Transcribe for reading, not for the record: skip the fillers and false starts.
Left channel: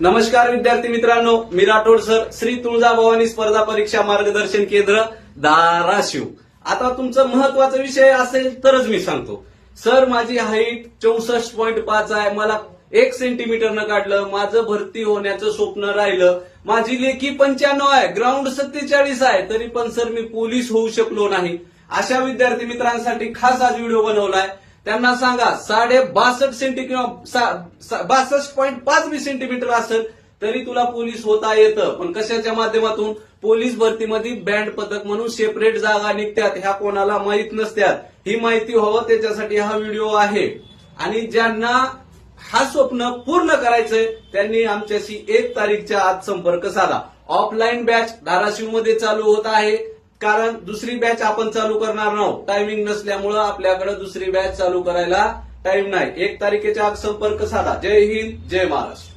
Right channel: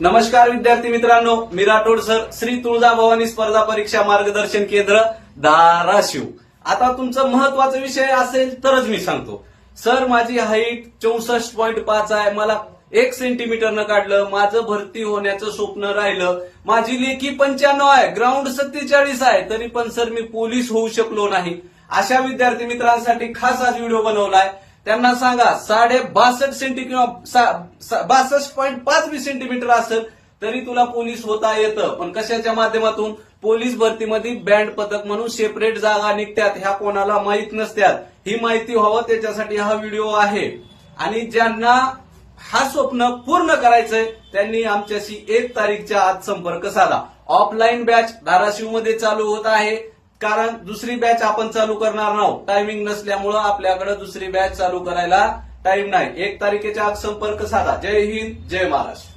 नमस्कार विद्यार्थी मित्रांनो, मी राठोड सर, श्री तुळजाभवानी स्पर्धा परीक्षा मार्गदर्शन केंद्र धाराशिव. आता तुमचा महत्वाचा विषय असेल तरच मी सांगतो. सर, माझी हाईट 64.5 आहे, मला 1 सेंटीमीटरनं काढलं, माझं भरती होण्याचं स्वप्न राहिलं, माझी लेखी 95 आहे, ग्राउंड 47 आहे, तरी पण सर मी पोलीस होऊ शकलो नाही. अशा विद्यार्थी मित्रांसाठी खास आज व्हिडिओ बनवलाय. त्यांना सांगा 62.5 सेंटीमीटर किंवा 62.5 सेंटीमीटर असेल तरी तुला पोलीस होता येतं. पण कशाच्या माध्यमातून? पोलीस भरतीमध्ये बँड पथक म्हणून सेपरेट जागा निघतात, ह्या कोणाला माहीत नसतात. ही माहिती व्हावं त्याच्यासाठी हा व्हिडिओ आहे. आणि ज्यांना हा स्वप्न पूर्ण करायचंय त्यांनी आमच्याशी 1 तारीखच्या आत संपर्क साधा. ऑफलाईन बॅच धाराशिवमध्ये चालू होत आहे, कारण दुसरी बॅच आपण चालू करणार नाहोत. टायमिंग नसल्यामुळं आपल्याकडे दुसरी बॅच चालू करायला टाइम नाही. 1 तारखेच्या आत संपर्क साधा. जय हिंद, जय महाराष्ट्र.